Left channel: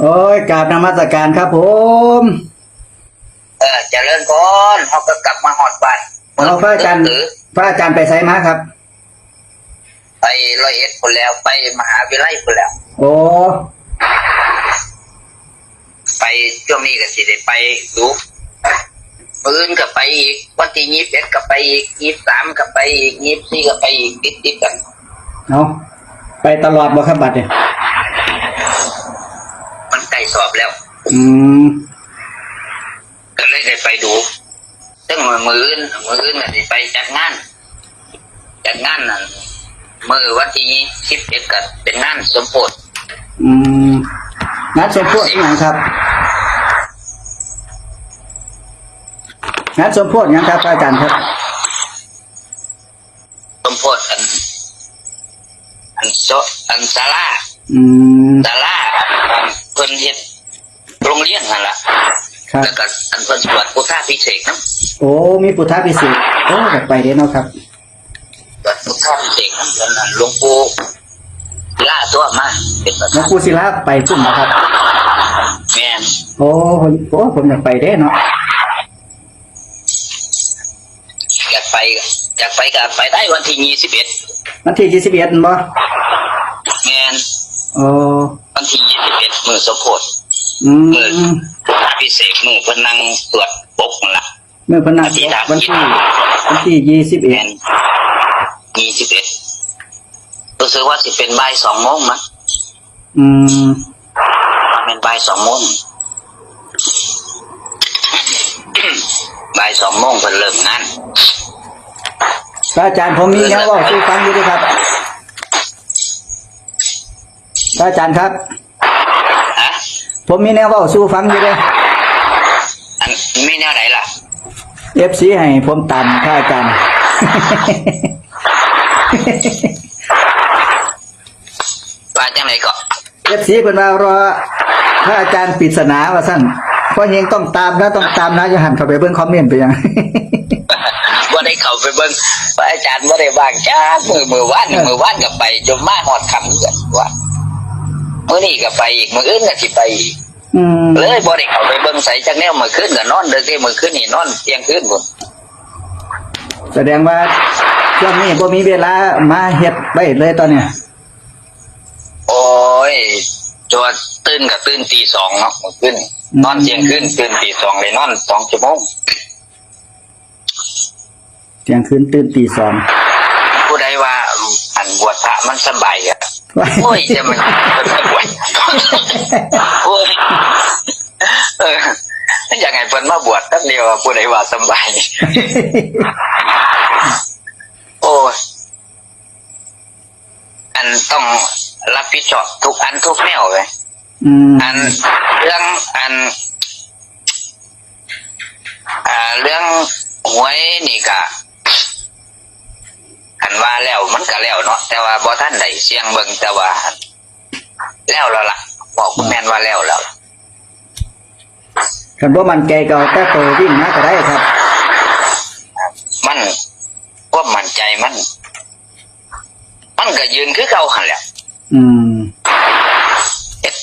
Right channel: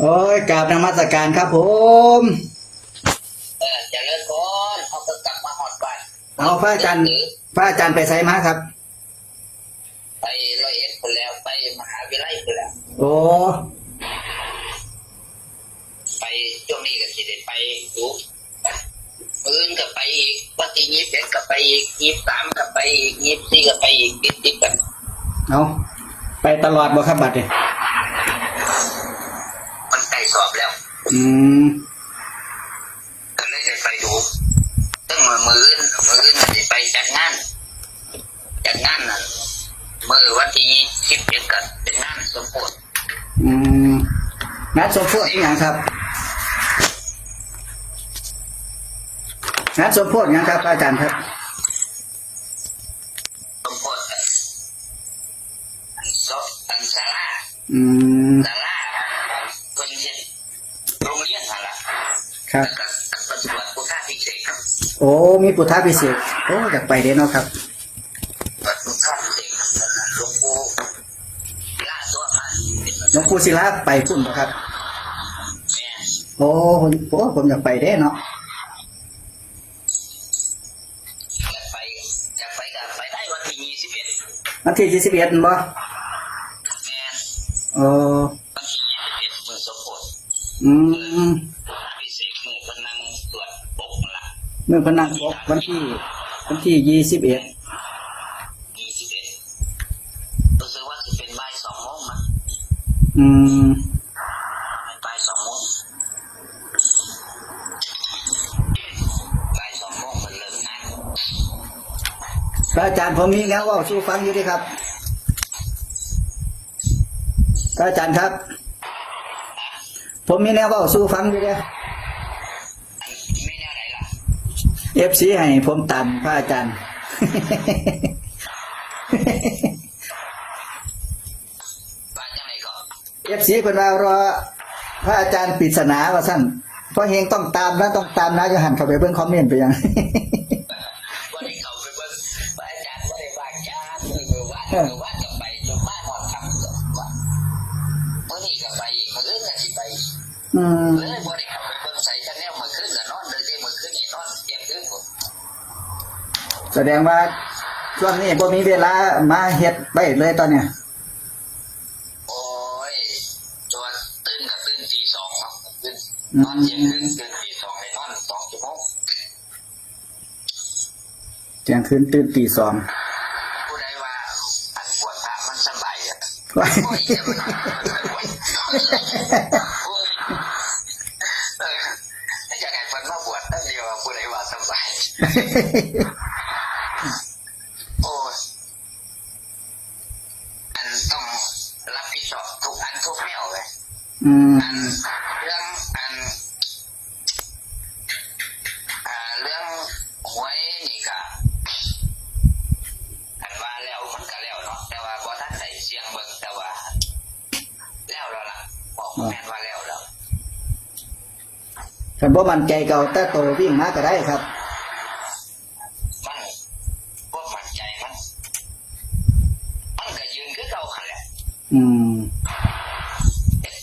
โอ้ยกราบนมัสการครับผมเออเจริญพรเขาก็กลับมาหอดบ้านเอาพระอาจารย์หรือพระอาจารย์ไปไสมาครับ ไปร้อยเอ็ดคนแล้วไปมหาวิทยาลัยคนแล้ว โอ้ไปช่วงนี้ก็สิได้ไปดูปืนก็ไปอีกวันที่ยี่สิบเอ็ดก็ไปอีกยี่สิบสามก็ไปอีกยี่สิบสี่ก็ไปอีกติดติดๆกัน เอาไปตลอดบ่ครับบัดเนี่ยมันใกล้ส อบแล้วอืมก็เลยได้ไปดูซึ่งมือมืออื่นมืออื่นก็สิไปจัดงานจัดงานนั่นมือวันที่สิบเอ็ดก็เป็นงานสมโพธิอืมนัดสมโพธิยังครับนัดสมโพธิยังครับพระอาจารย์ครับสมโพธิอัน อันโซอันซาลาอืมซาลา เรียนนั่นล่ะครับแล้วก็อันเพิ่นสวดพุทธาพิเศษกนะโอ้มีพุทธพิเศษกโอ้อยากไปเดี๋ยวเนาะครับ สวดพุทธาพิเศษกนั้นเพิ่นนั่นหลวงปู่ล่าตัวมาเป็นประหลวธางนปู่ศิลาไปพุ่นนะครับ แม่นโอ้ผมโอ้ผมอยากไปเด้เนาะอยากไปอยากไปก็ไปได้วันที่ยี่สิบเอ็ดวันที่ยี่สิบเอ็ดบ่แม่น อ๋อวันที่ยี่สิบเอ็ดมือสมโพธิ อืมมือพุทธาพิเศษกมือเพิ่นนั่งสวดปกนั่นล่ะเมื่อพนักวันที่วันที่วันที่ยี่สิบเอ็แม่ดนยี่สิบเอ็ดรู้สึกว่าสิเป็นบ่ายสองโมงมั้งอืมเป็นบ่ายสองโมงบ่ายสองโมงเพิ่นเริ่มงานพระอาจารย์ผมมีแนวเว่าสู้ฟังอยู่ด้วยครับพระอาจารย์ครับฮะ ผมมีแนวเว่าสู้ฟังอยู่ด้วยอันไม่แนวไหนล่ะเอฟซีให้ผมตามพระอาจารย์ว่าจังไหนก็เอฟซีเป็นมารอพระอาจารย์ปริศนาว่าสั้นเพราะเฮงต้องตามนะต้องตามนะจะหันเข้าไปเบิ่งคอมเมนต์ไปยังว่าได้เข้าไปเบิ่งว่าอาจารย์ว่าได้ว่างจ้ามือมือว่านมือว่านก็ไปจนมาหอดคำกันว่า มื้อนี้ก็ไปอีกมื้ออื่นก็สิไปอีกอืมเลยบ่ได้เข้าไปเบิ่งใส่จักแนวมื้อคืนก็นอนเด้อเด้มื้อคืนนี่นอนเที่ยงคืนพุ่นแสดงว่าช่วงนี้บ่มีเวลามาเฮ็ดไว้เลยตอนเนี้ยโอ้ยจวดตื่นก็ตื่นตีสองเนาะมื้อคืนนอนเที่ยงคืนตื่นตีสองเลยนอนสองชั่วโมงเที่ยงคืนตื่นตีสองผู้ใดว่าอันบวชพระมันสบายอะ โอ้ยจะมันมันสบายโอ้ยเอออยากไงเพิ่นมาบวชตั้งเดียวอะผู้ใดว่าสบายโอ้ยอันต้องรับผิดชอบทุกอันทุกแนวเลยอืมอันเรื่องอันอ่าเรื่องหวยนี่กะ อันว่าแล้วมันก็แล้วเนาะแต่ว่าบ่ท่านได้เสียงเบิ่งแต่ว่า แล้วแล้วล่ะ บอกคุณแม่นว่าแล้วแล้วคันบ่มั่นใจก็เอาแต่ตัววิ่งมาก็ได้ครับ มันความมั่นใจมัน มันก็ยืนคือเก่าหันแหละอืมเฮ็ด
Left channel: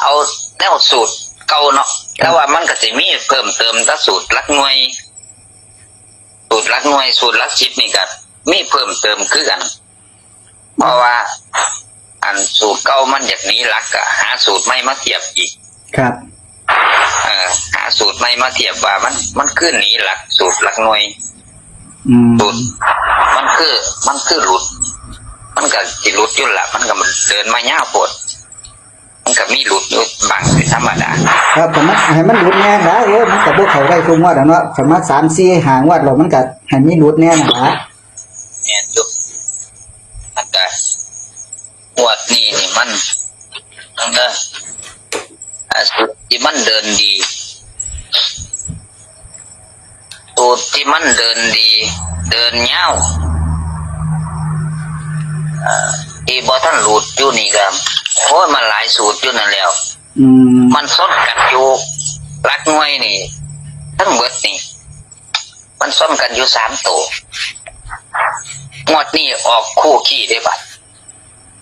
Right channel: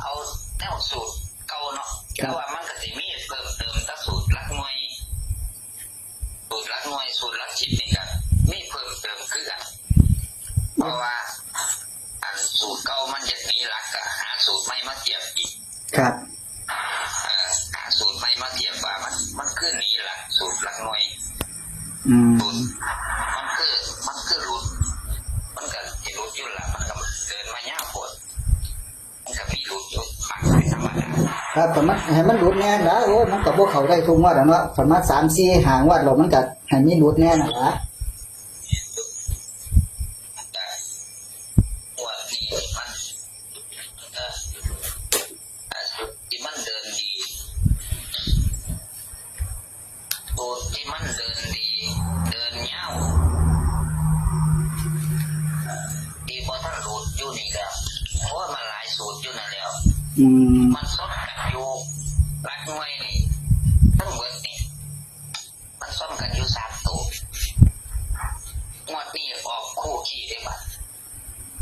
เอาแนวสูตรเก่าเนาะแต่ว่ามันก็สิมีเพิ่มเติมแตสูตรหลักหน่วย สูตรหลักหน่วยสูตรหลักชิปนี่ก็ มีเพิ่มเติมคือกัน เพราะว่า อันสูตรเก่ามันอย่างนี้หลักก็หาสูตรใหม่มาเทียบอีก ครับเออหาสูตรใหม่มาเทียบว่ามัน มันคือหนีหลักสูตรหลักหน่วยอืมสูตรมันคือมันคือหลุด มันก็สิหลุดอยู่ละมันก็มันเดินมาย่าวปวดมันก็มีหลุดอยู่บางเป็นธรรมดาครับผมมันให้มันหลุดแน่นะเดี๋ยวมันก็บ่เข้าได้ทุกงวดอะเนาะสามารถ3 4หางวดแล้วมันก็ให้มีหลุดแน่นะ เดินดีสูตรที่มันเดินดี เดินเย้าวอ่าที่บอท่านหลุดอยู่นี่ก็โอ้ยมันหลายสูตรอยู่นั่นแล้วอืมมันซ้อนกันอยู่รักหน่วยนี่ ทั้งเบิดนี่ มันซ้อนกันอยู่สามตัวงวดนี้ออกคู่ขี้ได้ปะ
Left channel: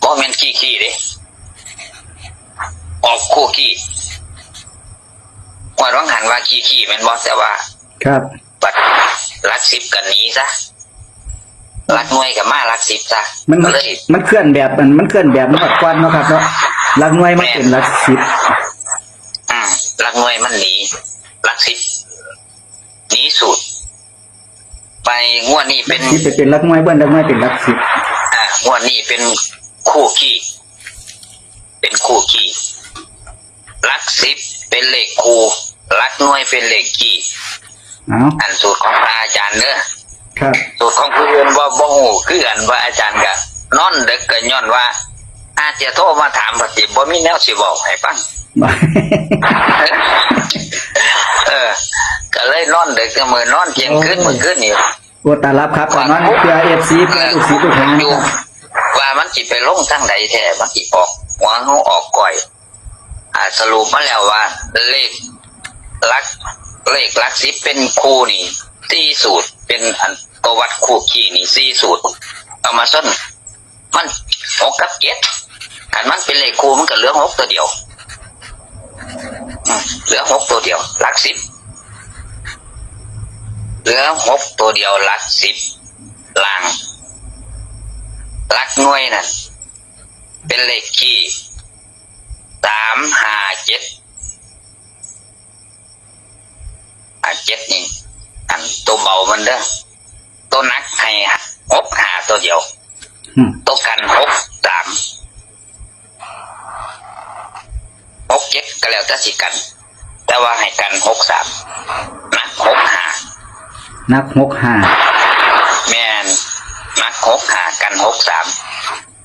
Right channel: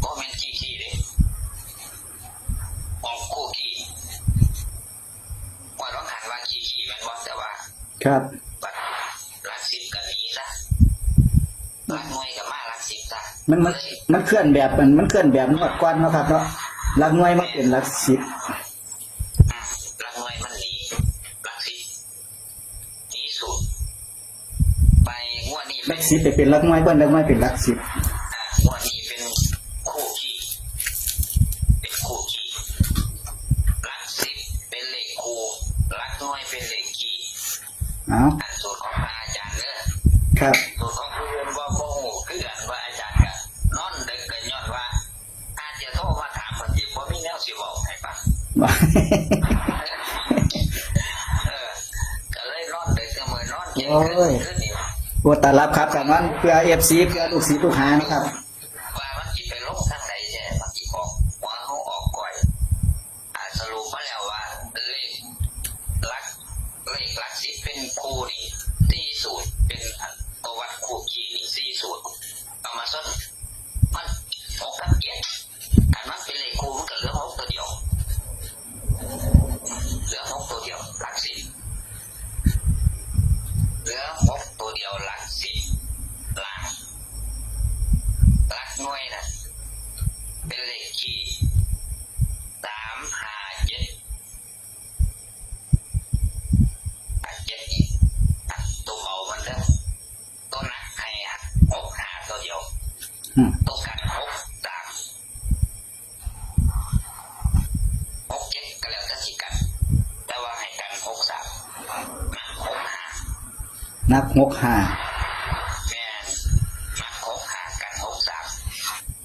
บ่แม่นขี้ขี้เด้ออกคู่ขี้ ว่าร้องหันว่าขี้ขี้แมันบอกแต่ว่า ครับบัดรักสิบกันนี้ซะรักหน่วยกับมารักสิบซะมันก็เลยมันเคลื่อนแบบมันมันเคลื่อนแบบนวดควันเนาะครับเนาะหลักหน่วยมันเป็นหลักสิบอืมรักหน่วยมันหนีรักสิบหนีสูตร ไปงวดนี้เป็นสิบไปเป็นหลักหน่วยเบิ้ลหลักหน่วยเป็นหลักสิบอ่างวดนี้เป็นคู่ขี้เป็นคู่ขี้รักสิบเป็นเลขคู่ รักหน่วยเป็นเลขขี้เอาอันสูตรของพระอาจารย์เนอะครับ สูตรของผู้อื่นว่าบ่ฮู้คือกันว่าอาจารย์ก็นอนดึกก็ย้อนว่า อาจจะโทรมาถามปฏิบ่มีแนวสิบอกให้ฟังเออ ก็เลยนอนดึกก็มือนอนเที่ยงคืนมื้อคืนนี่ว่าตารับครับก่อนนั้นเพื่อเอฟซีเพื่อลูกศิษย์ลูกหาอยู่ว่ามันสิไปลงทางใดแท้มันสิออกหัวเฮาออกก่อย อ่าสรุปมาแล้วว่าเลข ลักเลขลักสิบเป็นคู่นี่สี่สูตรเป็นอันตัววัดคู่ขี้นี่สี่สูตรเอามาส้นมันหกกับเจ็ดอันมันเป็นเลขคู่มันก็เหลือหกตัวเดียวเหลือหกตัวเดียวลักสิบเหลือหกตัวเดียวลักสิบล่างลักหน่วยนั่นเป็นเลขขี้สามห้าเจ็ดอ่า เจ็ดนี่อันตัวเบามันเด้อตัวนักให้หกหาตัวเดียวอืมตัวกันหกสามหกเจ็ดก็แล้วแต่สิกัน แต่ว่าให้กันหกสามนักหกหานับหกห้าแมนนักหกหากันหกสาม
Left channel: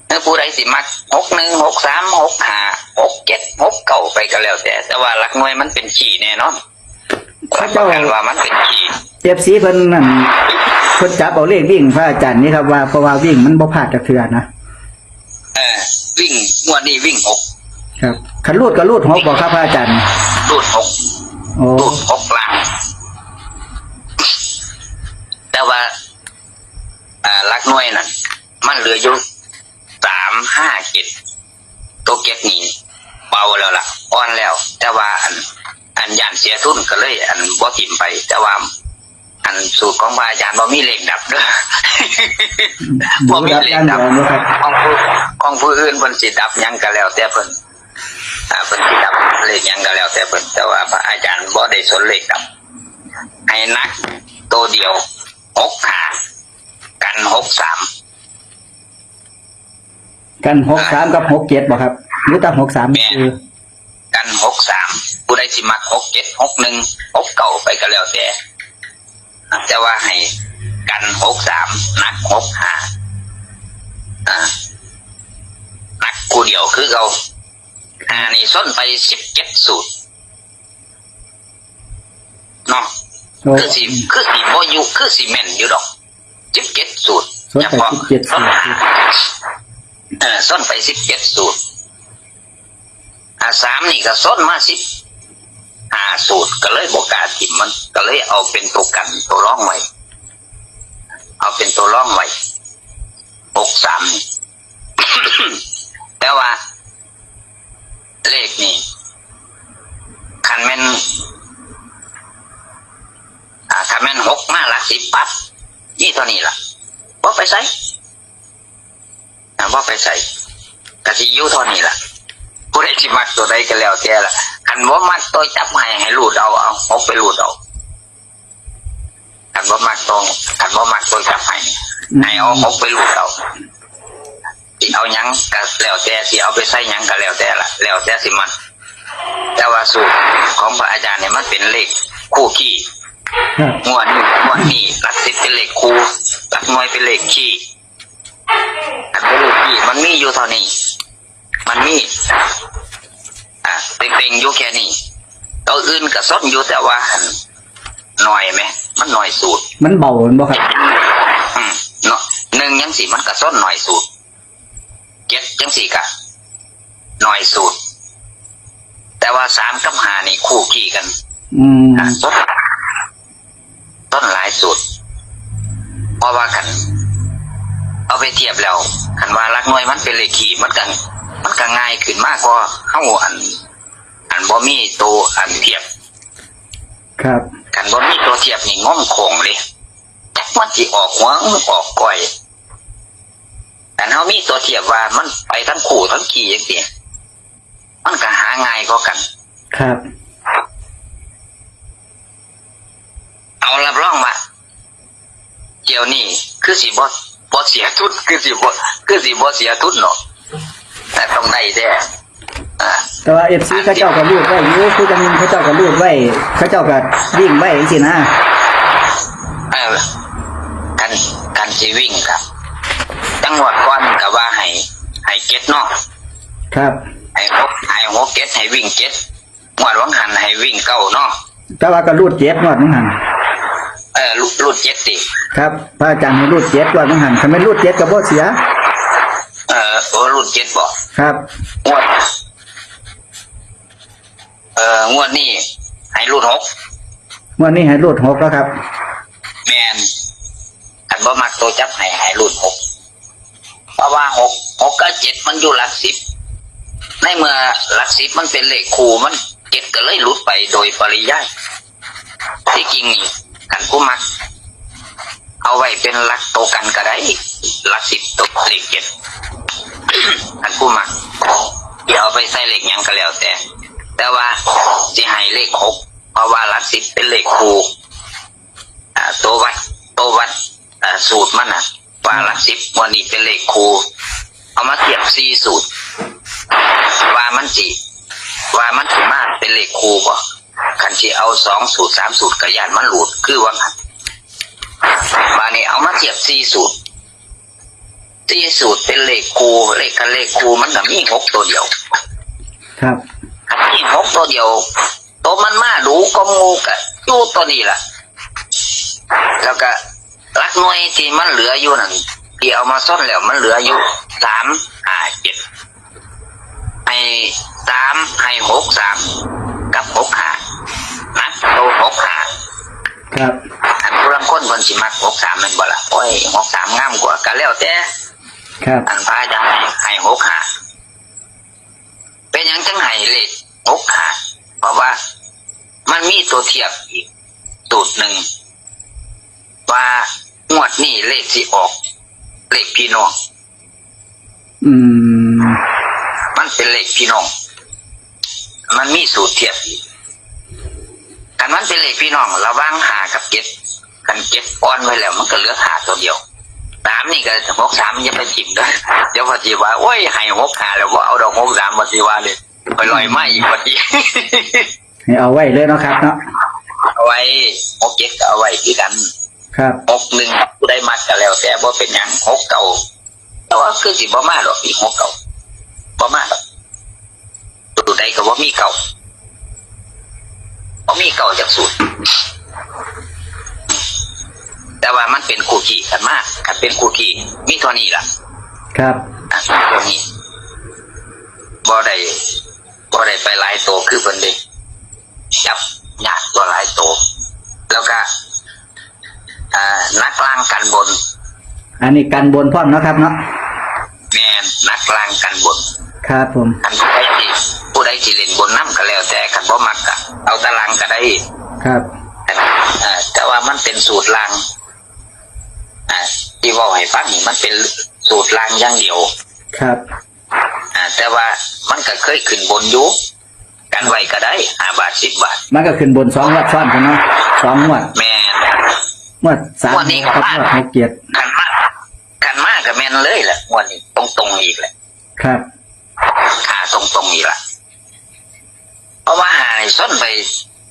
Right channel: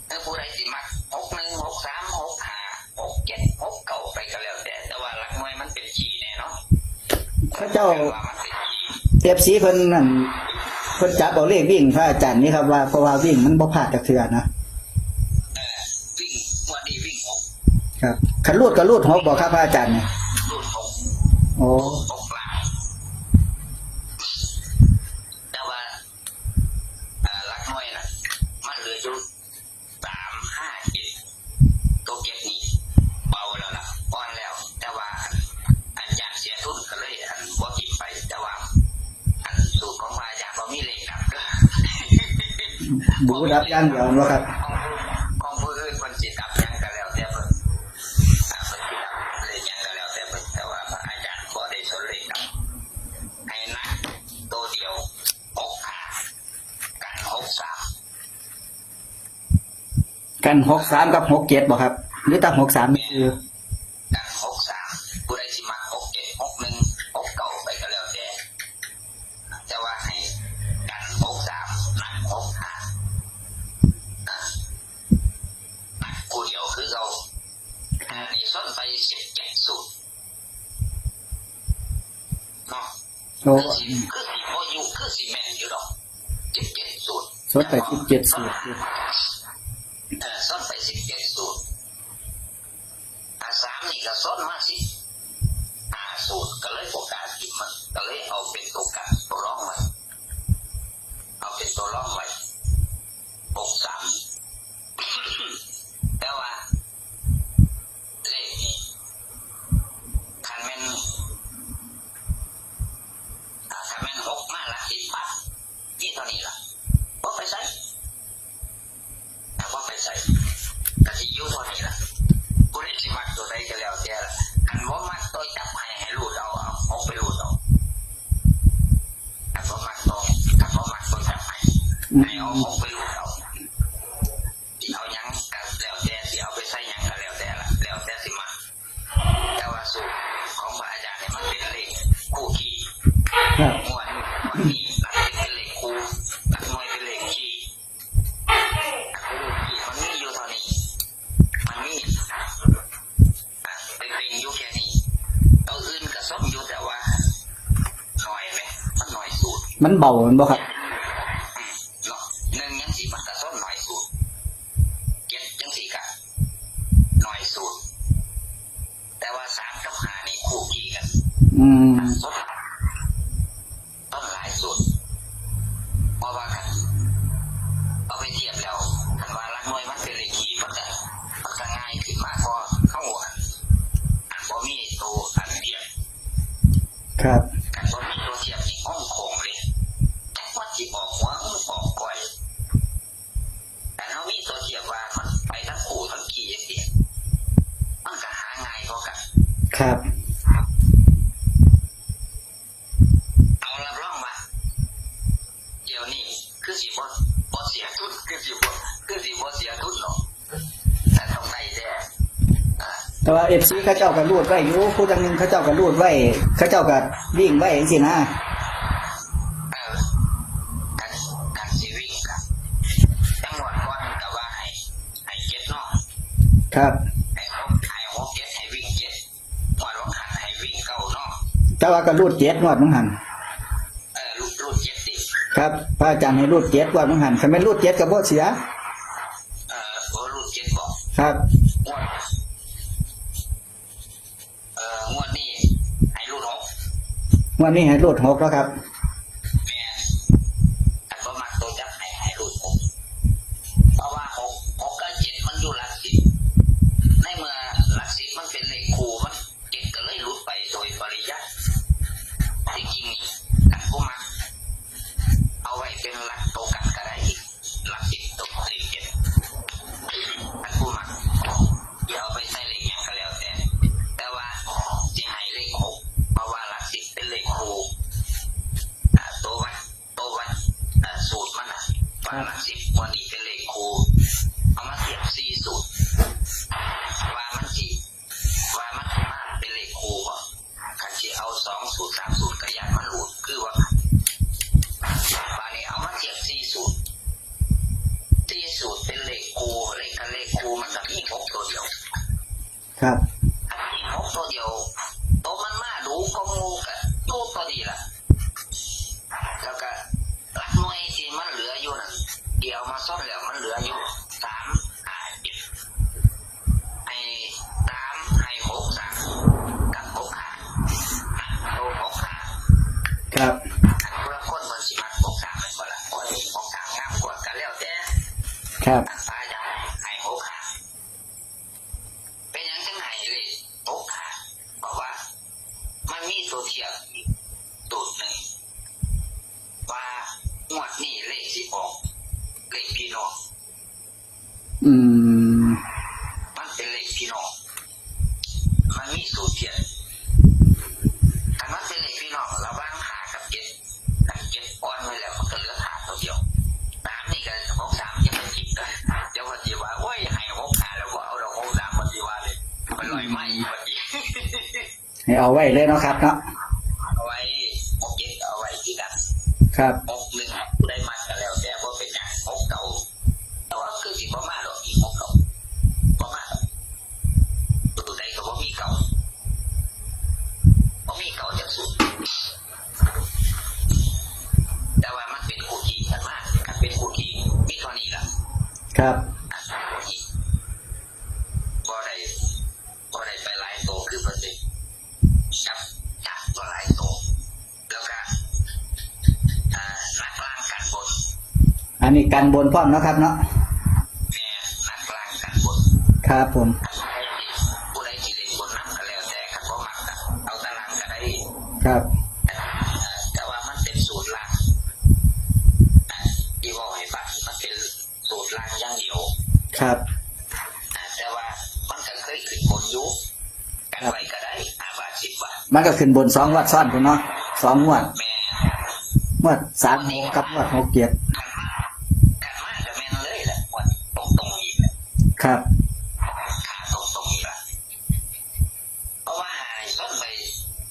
ถ้าผู้ใดสิมักหกหนึ่งหกสามหกหาหกเจ็ดหกเก่าไปก็แล้วแต่ แต่ว่าหลักหน่วยมันเป็นขี่แน่นอน รับประกันว่ามันเป็นขี่เอฟซีเพิ่นนั่นเพิ่นจับเอาเลขวิ่งพระอาจารย์นี่ครับว่าเพราะว่าวิ่งมันบ่พลาดจากเทือนะเออวิ่งงวดนี้วิ่งหกครับขันรูดก็รูดหกบอกครับพระอาจารย์รูดหกโอ้รูดหกล่างแต่ว่าอ่าลักหน่วยน่ะมันเหลืออยู่สามห้าเจ็ดตัวเก็บนี่เบาแล้วล่ะอ่อนแล้ว แต่ว่าอัน อันย่านเสียทุนก็เลย อันบ่ทิมไป แต่ว่า อันสูตรของพระอาจารย์บ่มีเหล็กดับเด้อดูบ่มีรับเหล็กอันดัเดีบยวนะครับของผู้ของผู้อื่นเพิ่นสิดับหยังก็แล้ว แต่เพิ่นอ่าเพิ่นสิดับเลขหยังก็แล้ว แต่เพิ่นแต่ว่าพระอาจารย์บ่ได้สนเลขดับ ให้นักตัวเดียวหกหากันหกสามกันหกสามกับหกเจ็ดบอกครับ หรือตั้งหกสามคือ กันหกสามผู้ใดสิมักหก เจ็ดหกหนึ่งหกเก่าไปก็แล้วแต่แต่ว่าให้กันหกสามนักหกหาอ่านักกูเดียวคือเราอ่านี่ส้นไปสิบเจ็ดสูตรเนาะโอ้คือสีคือสีโมยุคือสีแม่นอยู่ดอกสิบเจ็ดสูตรส้นไป17สูตรเออส้นไปสิบเจ็ดสูตรอ่าสามนี่ก็ส้นมาสิบ หาสูตรก็เลยบอกล้าทิมมัน ก็เลยเอาเป็นตัวกันตัวร่องไว้ เอาเป็นตัวร่องไว้หกสามแต่ว่า เลขนี่คันแม่นคันแม่นหกมาลักสิบปั๊บนี่เท่านี้ล่ะว่าไปใส่ว่าไปใส่กะสิยูเท่านี้ล่ะ ผู้ใดสิมักตัวใดก็แล้วแต่ล่ะคันว่ามักตัวจับให้ให้รูดเอาเอาเอาไปรูดเอาคันว่ามักตัวคันว่ามักตัวจับให้ให้เอาเอาไปรูดเอาสิเอาหยังก็แล้วแต่สิเอาไปใส่หยังก็แล้วแต่ล่ะแล้วแต่สิมันแต่ว่าสูตรของพระอาจารย์เนี่ยมันเป็นเลขคู่ขี้ครับงวดนี้งวดนี้หลักสิบเป็นเลขคูหลักหน่วยเป็นเลขขี้อันเป็นเลขขี้มันมีอยู่เท่านี้ มันมีอ่า เต็งๆอยู่แค่นี้ตัวอื่นก็ซ้นอยู่แต่ว่าหน่อยไหมมันหน่อยสูตร มันเบามันบ่ครับอืมเนาะหนึ่งยังสี่มันก็ซ้นหน่อยสูตรเจ็ดยังสี่กะหน่อยสูตร แต่ว่าสามกับห้านี่คู่ขี้กัน อืมอะต้นต้นหลายสุดเพราะว่ากัน เอาไปเทียบแล้วคันว่ารักน้อยมันเป็นเลขขี่มันกัน มันก็ง่ายขึ้นมากกว่าเข้าอัน อันบ่มีตัวอันเทียบครับกันบ่มีตัวเทียบนี่ง้อมโคงเลยจักมันสิออกหัวหรือออกก้อยแต่เฮามีตัวเทียบว่ามันไปทั้งขู่ทั้งขี่จังซี่มันก็หาง่ายก็กัน ครับเอารับรองว่าเกี่ยวนี่คือสิบ่บ่เสียทุนคือสิบ่คือสิบ่เสียทุนเนาะแต่ต้องได้แท้อ่า แต่ว่าเอฟซีเขาเจ้าก็รูดไว้อยู่คือจังหนึงเขาเจ้าก็รูดไว้เขาเจ้าก็วิ่งไว้จังซี่นะเออกันกันสิวิ่งครับจังหวัดก่อนก็ว่าให้ให้เก็ตเนาะครับให้หกให้หกเก็ตให้วิ่งเก็ตงวดวังหันให้วิ่งเก้าเนาะแต่ว่าก็รูดเจ็ดงวดมั้งหันเออรูรูดเจ็ดติครับพระอาจารย์ให้รูดเจ็ดงวดมั้งหันถ้าไม่รูดเจ็ดก็บ่เสีย เออโอ้รูดเจ็ดบ่ครับงวด เอองวดนี้ให้รูดหกงวดนี้ให้รูดหกแล้วครับ แมนอันบ่มักตัวจับให้ให้รูดหกเพราะว่าหกหกกับเจ็ดมันอยู่หลักสิบในเมื่อหลักสิบมันเป็นเลขคูมันเจ็ดก็เลยหลุดไปโดยปริยายที่จริงนี่กันผู้มัก เอาไว้เป็นหลักโตวกันก็ได้หลักสิบตกเลขเจ็ด กันผู้มักเดี๋ยวเอาไปใส่เลขหยังก็แล้วแต่ แต่ว่าสิให้เลขหกเพราะว่าลักสิบเป็นเลขคูอ่าตัววัดตัววัดอ่าสูตรมันอะว่าลักสิบวันนี้เป็นเลขคูเอามาเทียบสี่สูตร ว่ามันจีว่ามันถือมาเป็นเลขคูบ่คันที่เอาสองสูตรสามสูตรกระยานมันหลุดคือว่าบานี้เอามาเทียบสี่สูตรสี่สูตรเป็นเลขคูเลขคันเลขคูมันก็มีหกตัวเดียว กตัวเดียวตัวมันมาดูก็งูกะอยู่ตัวนี้ล่ะ แล้วก็รักหน่วยที่มันเหลืออยู่นั่นที่เอามาซ่อนแล้วมันเหลืออยู่สามห้าเจ็ดให้สามให้หกสามกับหกห้านักโตหกห้าครับอันผู้ลังคนคนสิมักหกสามแมันบ่ละโอ้ยหกสามงามกว่ากันแล้วแต่ครับอันพายจะให้ให้หกห้าเป็นหยังจังให้เลข หกห้าเพราะว่า มันมีตัวเทียบอีกสูตรหนึ่งว่างวดนี้เลขที่ออก เลขพี่น้องอืม มันเป็นเลขพี่น้อง มันมีสูตรเทียบอีกกันมันเป็นเลขพี่น้องระหว่างหากับเจ็ดกันเจ็ดอ้อนไว้แล้ว มันก็เหลือหาตัวเดียวสามนี่ก็หกสามอยังไปจิบได้เดี๋ยวพอจีว่าโอ้ยให้หกหาแล้วว่าเอาดอกหกสามพอจีว่าเลย ไปลอยไม้อีกพอดีให้เอาไว้เลยเนาะครับเนาะเอาไว้หกเจ็ดก็เอาไว้ที่กันครับหกหนึ่งผู้ได้มัดก็แล้ว แต่ว่าเป็นอย่างหกเก่าแต่ว่าคือสิบ่มาหรอกอีกหกเก่าบ่มาหรอกตัวใดก็ว่ามีเก่าบ่มีเก่าจากสูตรแต่ว่ามันเป็นคู่ขี่กันมากกันเป็นคู่ขี่มีเท่านี้ล่ะ ครับอะตัวนี้บ่ได้ บ่ได้ไปหลายโตวคือเพิ่นเด้จับยากตัวหลายโตวแล้วก็อ่านักล่างกันบน อันนี้กันบนพร้อมเนาะครับเนาะแมนนักล่างกันบน ครับผมคันผู้ใดที่ผู้ใดที่เล่นบนน้ำก็แล้วแต่คันบ่มักก็เอาตารางก็ได้ ครับอ่าแต่ว่ามันเป็นสูตรล่างอ่าที่เว่าให้ฟังนี่มันเป็นสูตรล่างอย่างเดียว ครับอ่าแต่ว่า มันก็เคยขึ้นบนอยู่กันไว้ก็ได้ห้าบาทสิบบาท มันก็ขึ้นบนสองงวัดซ้อนกันเนาะสองงวดแม่นงวดสามงวดนี้ก็กับมากงวดหกเจ็ดขันมากขันมากกับแม่นเลยแหละงวันนี้ตรงตรงๆอีกแหละครับขาตรงตรงๆอีกละเพราะว่าหายส้นไป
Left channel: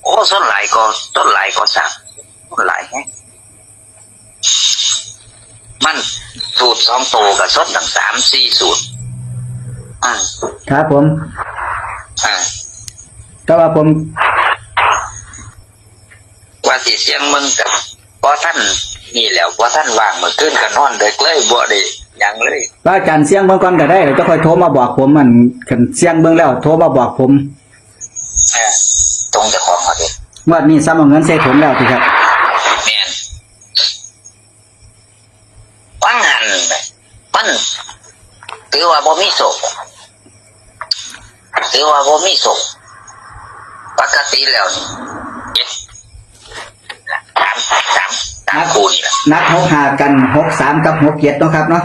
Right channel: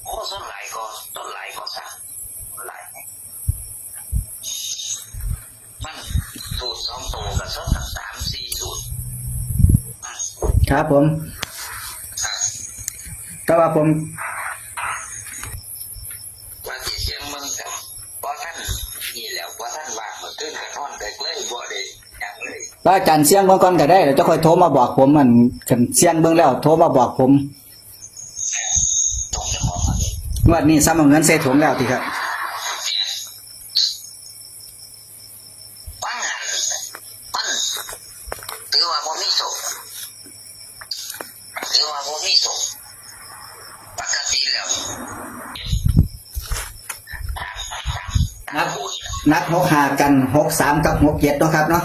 โอ้ส้นหลายก็ส้นหลายก็สักส้นหลายไงมันสูตรสองโตวกับส้นตั้งสามสี่สูตรอ่า ครับผม อ่าแต่ว่าผมว่าสิเสียงมึงกับพอท่านนี่แหล้วพอท่านว่างเมื่อคืนก็นอนเด็กเลยบ่ได้หยังเลยพระอาจารย์เสียงเบิ่งก่อนก็ได้แล้วจะค่อยโทรมาบอกผมมันคันเสียงเบิ่งแล้วโทรมาบอกผมเออตรงจะของเขาเด็กงวดนี้ซ้ำเอาเงินใส่ถุงแล้วทีครับ แมนฟังหันมันถือว่าบ่มีโศก ถือว่าบ่มีโศกปกติแล้วนี่เจ็ดคู่นี่แหละนัดหกหากันหกสามกับหกเจ็ดเนาะครับเนาะ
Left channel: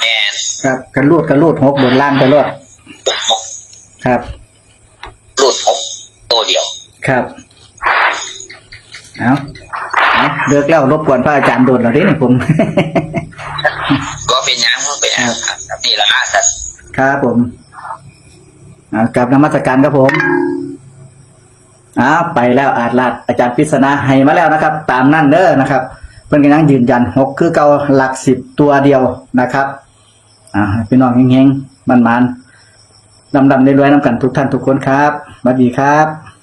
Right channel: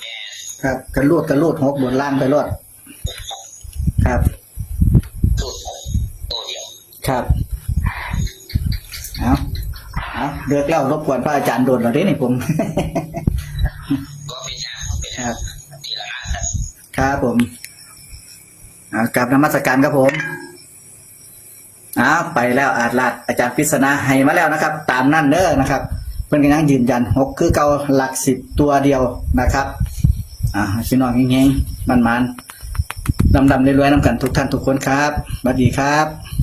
แม่นครับกันรูดกันรูดหกบนล่างไปรอดรูดหกครับ รูดหกตัวเดียว ครับเอาเอาเลิกแล้วรบกวนพระอาจารย์โดนหน่อยดินี่ผม ก็เป็นหยังก็เป็นหยังครับนี่ละแต่ครับผมเอา กลับนมัสการครับผมอ้าไปแล้วอาจลัดอาจารย์พิษณาให้มาแล้วนะครับ ตามนั่นเด้อนะครับ เพื่อนกันยังยืนยันหกคือเก่าหลักสิบตัวเดียวนะครับ อ่าพี่น้องเฮงๆมันๆดำๆรวยๆน้ำกันทุกท่านทุกคนครับสวัสดีครับ